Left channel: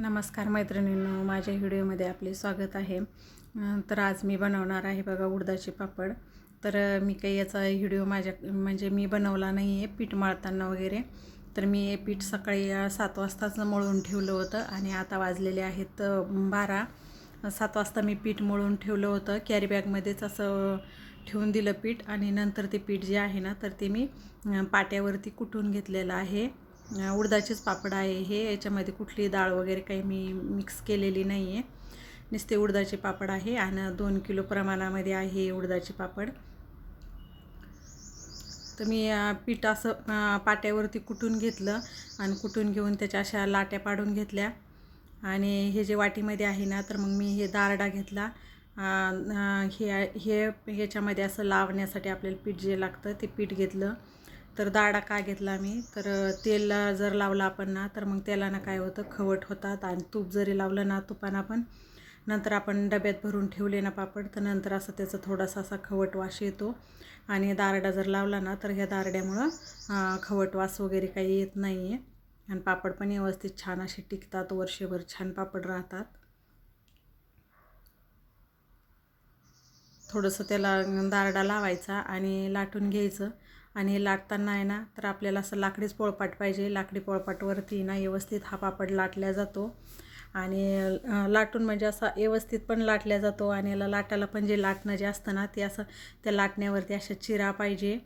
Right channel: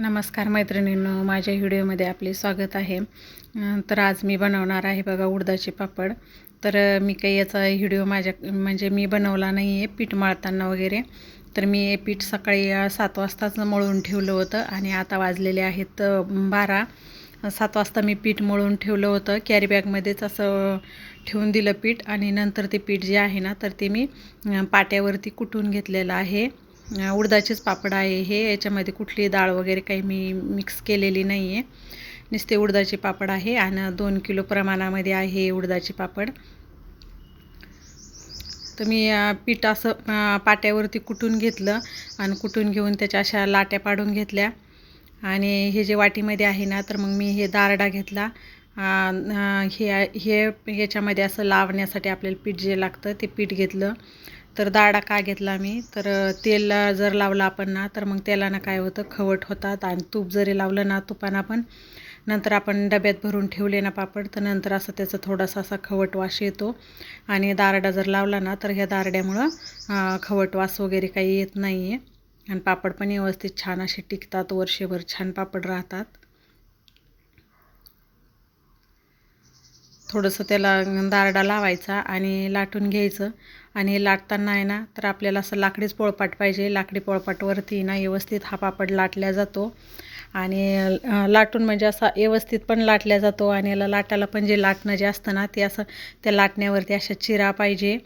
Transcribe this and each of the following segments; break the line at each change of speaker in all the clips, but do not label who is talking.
नमस्कार मैत्रिणींनो माझ्या व्हिडिओमध्ये आपले स्वागत आहे. तर आज मी बनवणार आहे बघा उडदाचे पापड. तर मी काही याचा व्हिडिओ माझ्या म्हणजे मी बनवला नाही आहे पीठ मळताना वगैरे. तर मी हे पीठ सकाळी सात वाजताच मळून ठेवलं होतं आणि आता वाजलेले आहेत बारा. सात वाजता मी पीठ मळून ठेवलं होतं. कॅरी बॅगमध्येच असं ठेवून दिलं पीठ आणि नंतर ते पीठ जे आहे ना तर ते मी पाट्यावरती कुटून घेतलेलं आहे. उडदाचेच पापड आहे हे. याच्यामध्ये कुठली डाळ वगैरे काही मी मिक्स केलेली नाही आहे नुसते उडदाचे पापड आहे आणि दोन किलो प्रमाणामध्ये आहे उडदाचे पापड. तर मी पीठ असं पाट्यावरती कुटून घेतलं आणि कुटून घेऊन त्याच्या अशा लाट्या पाडून घेतल्या. आणि हे जे वाटीमध्ये आहे ना तर मग मी हे दारडा घेतला. हे हे याच्यामध्ये असं लावण्यासाठी आपल्याला पीठ जे लागतं ते पीठ घेतलं. तर दारडा का घेतला मी? तर तेल जर लावलं आपण ना तर मग तेलानं काय होतं? खवट होतात आणि तूप जरी लावलं ना तुपानं पण नंतर आपण डब्यात भरून ठेवले ना पापड तर नंतर असं त्याचा थोडासा असा खवट वास येतो. आणि दारडा जर लावला ना तर ह्या दारड्यामुळं खवट वास वगैरे काही येत नाही आहे आणि पापड पण व्यवस्थित छान असे टिकतात वर्षभर छान पापड राहतात. थोडंसं त्याला दारडा लावायचा आणि लाटून घ्यायचं. आणि हे लाटताना आहे ना तर आपल्याला असं लाकडीच पोळपाट पाहिजे. लाकडी पोळपाटवरती ना व्यवस्थित हा पापड लाटला जातो. आणि लाटून म्हणजे असा व्यवस्थित पण लाटला जातो आणि याला लाटायला पण जे लाटणं जे असतं ना ते असं त्या लाटण्यावरती अशा चिरा पाहिजे.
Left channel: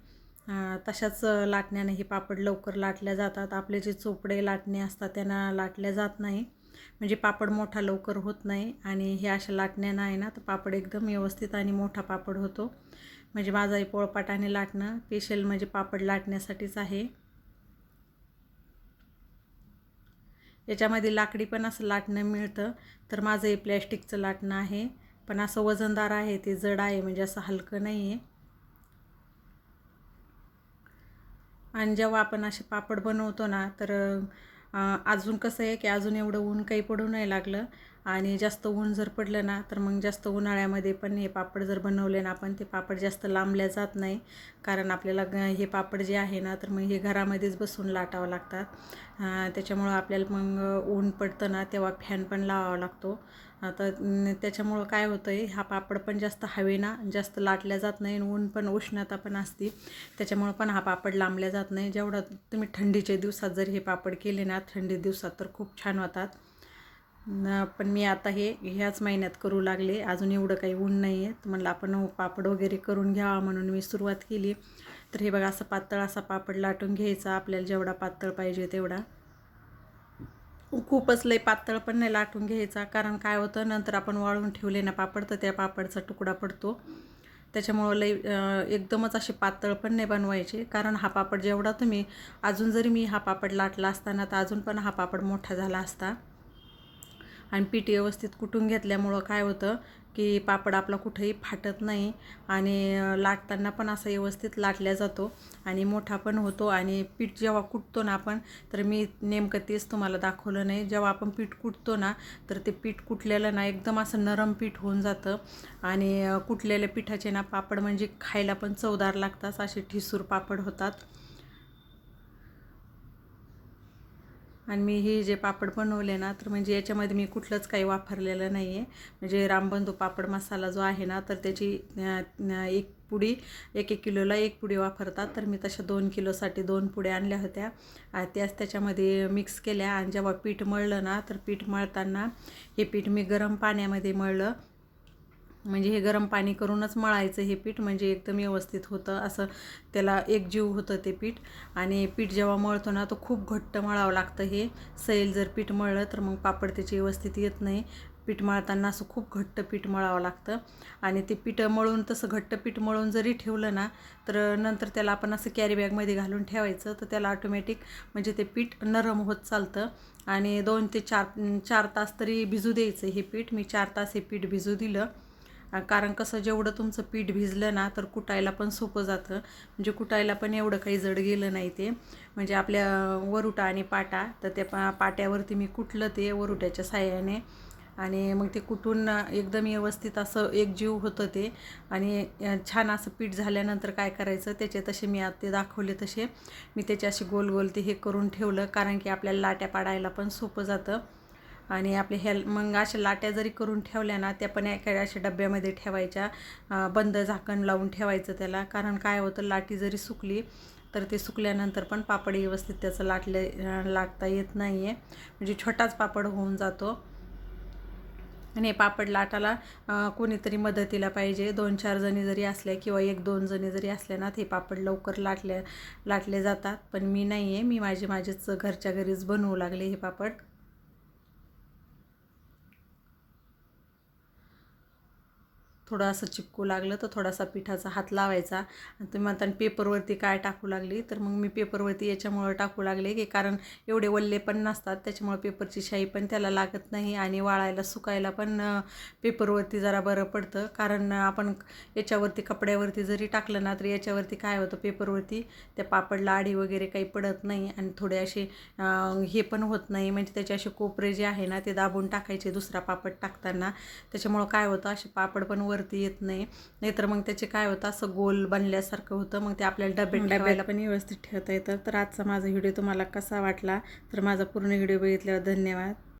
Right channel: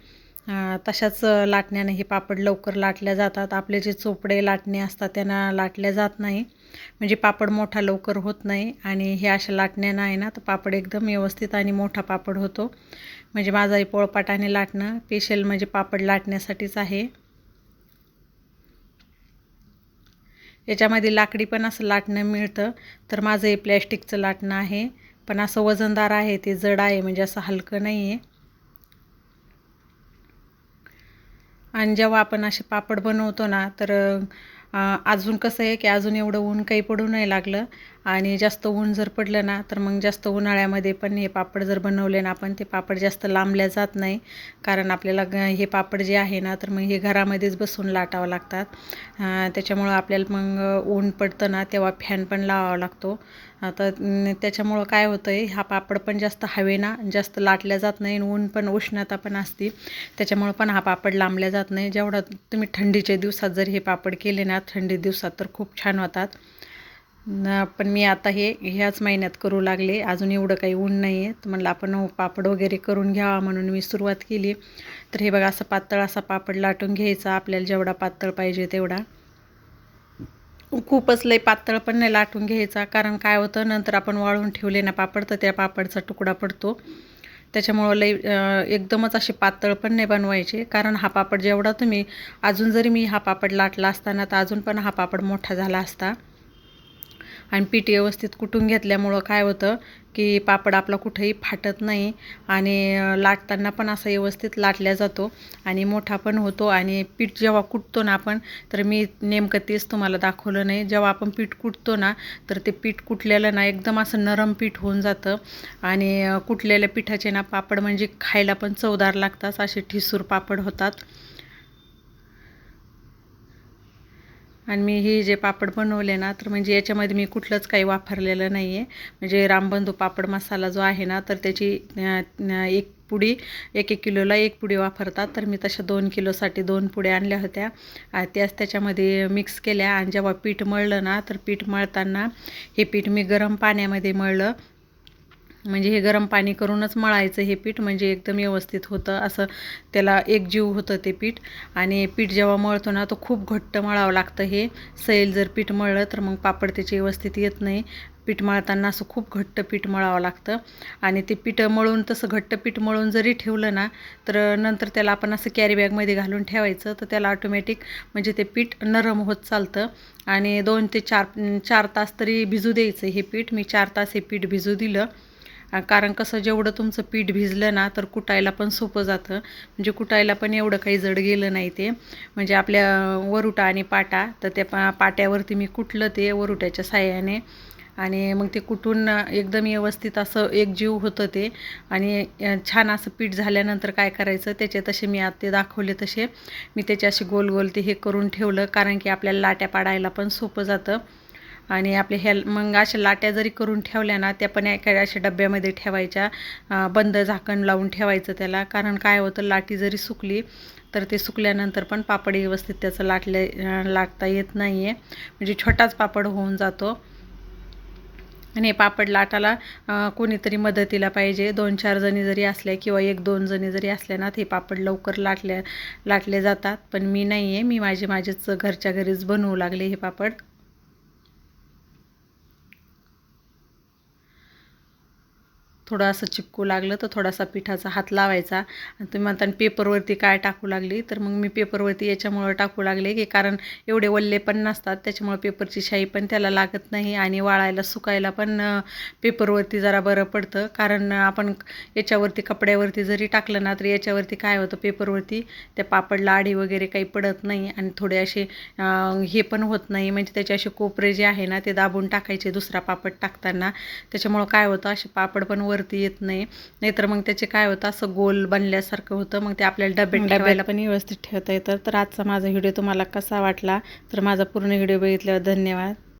तशाच लाटण्याने हे पापड लवकर लाटल्या जातात. आपले जे चोपडे लाटणे असतात त्यांना लाटल्या जात नाही. म्हणजे पापड मोठा लवकर होत नाही आणि हे अशा लाटण्यानं आहे ना तर पापड एकदम व्यवस्थित आणि मोठा पापड होतो. म्हणजे माझा हे पोळपाटाने लाटणं स्पेशल म्हणजे पापड लाटण्यासाठीच आहे. याच्यामध्ये लाकडी पण असं लाटणं मिळतं. तर माझं हे प्लॅस्टिकचं लाटणं आहे. पण असं वजनदार आहे ते जड आहे म्हणजे असं हलकं नाही आहे आणि जेव्हा आपण असे पापड बनवतो ना तर अजून कसं आहे की अजून एवढं ऊन काही पडू नाही लागलं. आणि जास्त ऊन जर पडलं ना तर मग जास्त उन्हाळ्यामध्ये पण हे पापड जर बनवले ना आपण ते पापड जास्त लांबल्या जात नाही. कारण आपल्याला ग हे पापड जे आहे ना तर मग हे घरामध्येच बसून लाटावं लागतात. त्याच्यामुळं आपल्याला मग ऊन पडतं ना तेव्हा फॅन पण लावावा लागतो. आता त्याच्यामुळं काय होतं आहे हा पापड पण जास्त हवेना जास्त लाटल्या जात नाही आणि ऊन पण उष्णता पण असते. त्याच्यामुळं पण हा पापड लांबल्या जात नाही. जेवढा तुम्ही थंडीच्या दिवसात जर हे पापड केले ना थंडी दिवसात तर खूप छान होतात. पण मी आता हे ह्याच महिन्यात करू लागले. अजून एवढं काही ऊन नाही आहे तर म्हणलं आपण हो, पापड वगैरे करून घ्यावा म्हणून मी सुरुवात केली. तर हे बघा असं पातळ असा पापड लाटून घ्यायचा. आपल्याला जेवढा पातळ पाहिजे तेवढा. खूपच लई पातळ पण नाही लाटून घ्यायचा. कारण काय होतं नंतर आपण वाळून ठेवले ना पापड तर त्या पापडचा तुकडा पडतो. त्याच्यामुळं लई एकदमच असे पातळ पण नाही बनवायचे. कारण हा पापड जेवढा तुम्ही अजून जरी मी हा पापड लाटला असताना तर अजून पण हा पापड मोठा झाला असता. आणि पीठ व्यवस्थित कुटून घेतल्यामुळं काय होतं की पापड आपला कुठेही फाटत नाही आणि लाटताना पण असं व्यवस्थित लाटल्या जातो आणि मोठा पण होतो आणि पीठ जेव्हा कुटतो ना आपण तर मी नेमकं तेच तुम्हाला दाखवलं नाही. जेव्हा आपण पीठ कुटतो ना तर ते पीठ कुटलेलं ना एकदम असं नरम पीठ होऊन जातं आणि कुटलेल्या पिठाचे ना पापड म्हणजे खायला पण चवदार लागतात असे ठिसूर पापड होतात. आणि मी हे जे पापड बनवले ना तर म्हणजे याच्यामध्ये मी कुठलंच काही वापरलेलं नाही आहे म्हणजे रामबंधू पापड मसाला जो आहे ना तर त्याची एक पुडी एक एक किलोला एक पुडी वापरतात. तर मी तशा दोन किलोसाठी दोन पुड्या आणल्या होत्या. त्याच त्याच्यामध्ये मिक्स केल्या. आणि जेव्हा पीठ मळलं ना तर पीठ मळताना हे पीठ मी गरम पाण्यामध्ये मळलं. म्हणजे हे गरम पाणी करूनच मळायचं हे पीठ म्हणजे एकदम व्यवस्थित होतं. असं त्याला एकजीव होतं ते पीठ. आणि पीठ जेव्हा मळतो ना तो खूप घट्ट मळावं लागतं हे. सैल जर पीठ मळलं तर मग पापड त्याचे व्यवस्थित येत नाही. पीठ मळताना असं खूप घट्ट पीठ मळावं लागतं. आणि ते पीठ मळून तसं घट्ट पीठ मळून जरी ठेवलं ना तर नंतर त्याला आपण असं कॅरी बॅगमध्ये घालून ठेवायचं. तर त्याला ऑटोमॅटिक म्हणजे ते पीठ नरम होत चालतं. आणि दोन ते चार चार तास तरी भिजू द्यायचं हे पीठ. मी चार तास हे पीठ भिजू दिलं. कारण कसं जेवढं तुमचं पीठ भिजलं ना तर कुटायला पण सोपं जातं. म्हणजे कुटायला पण एवढं काही जड गेलं नाही ते. म्हणजे आपल्या वरुटा आणि पाटा तर त्या पा पाट्यावरती मी कुटलं ते वरुट्याच्या साह्याने. आणि मग ते कुटून एकदम व्यवस्थित असं एकजीव होतं ते. आणि छान असं पीठ झाल्यानंतर काय करायचं त्याचे तसे मी आता ते दाखवले तसे. मी त्याचे असे गोल गोल ते हे करून ठेवलं कारण की आपल्याला लाट्या पाडायला पण सोपं जातं. आणि आपले ह्या मग अशा लाट्या जरी करून ठेवल्या ना त्या पण एका अशा डब्यामध्ये ठेवायच्या. बंद झाकण लावून ठेवायचं त्याला. कारण काय होतं लाटी जरी सुकली तर ते सुकल्यानंतर पण पापड व्यवस्थित त्याचं लाटले लाटता येत नाही आहे म्हणजे छोटाच पापड होऊन जातो. आणि हे पापड लाटाला कोणीतरी मदतीला पाहिजे. दोन चार जणी जरी असल्या किंवा एक दोन जणी जरी असल्या ना ते पापड लवकर लाटल्या लाटले जातात. पण मी नाही आहे मी माझे माझेच घरच्या घरीच बनवू लागले हे पापड. थोडं असं चिपकू लागलं तर थोडासा पिठाचा हात लावायचा. आणि तुम्ही म्हणता पेपरवरती काय टाकू लागली? तर मग मी पेपरवरती याच्यामुळं टाकू लागले की कारण एवढे वल्ले पण नसतात त्याच्यामुळं पेपरची शाई पण त्याला लागत नाही आणि वाळायला सुकायला पण पेपरवरती जरा बरं पडतं. कारण आपण याच्यावरती कपड्यावरती जरी टाकलं ना तर याच्यावरती काय होतं पेपरवरती त्या पापडला आडी वगैरे काही पडत नाही आणि थोडे असे हे पण होत नाही. म्हणजे त्याचे असे कोपरे जे आहे ना ते दाबून टाकायचे दुसरा पापड टाकताना. त्याच्यामुळं काय होतं असे पापड पण वर वरती येत नाही. नाहीतर मग त्याचे काय होतं असं गोल बनल्यासारखं होतं. मग ते आपल्याला डब्यात ठेवायला पण व्यवस्थित ठेवता येतं. तर आजचा माझा व्हिडिओ तुम्हाला कसा वाटला? तर माझा पूर्ण व्हिडिओ बघितल्यावर धन्यवाद.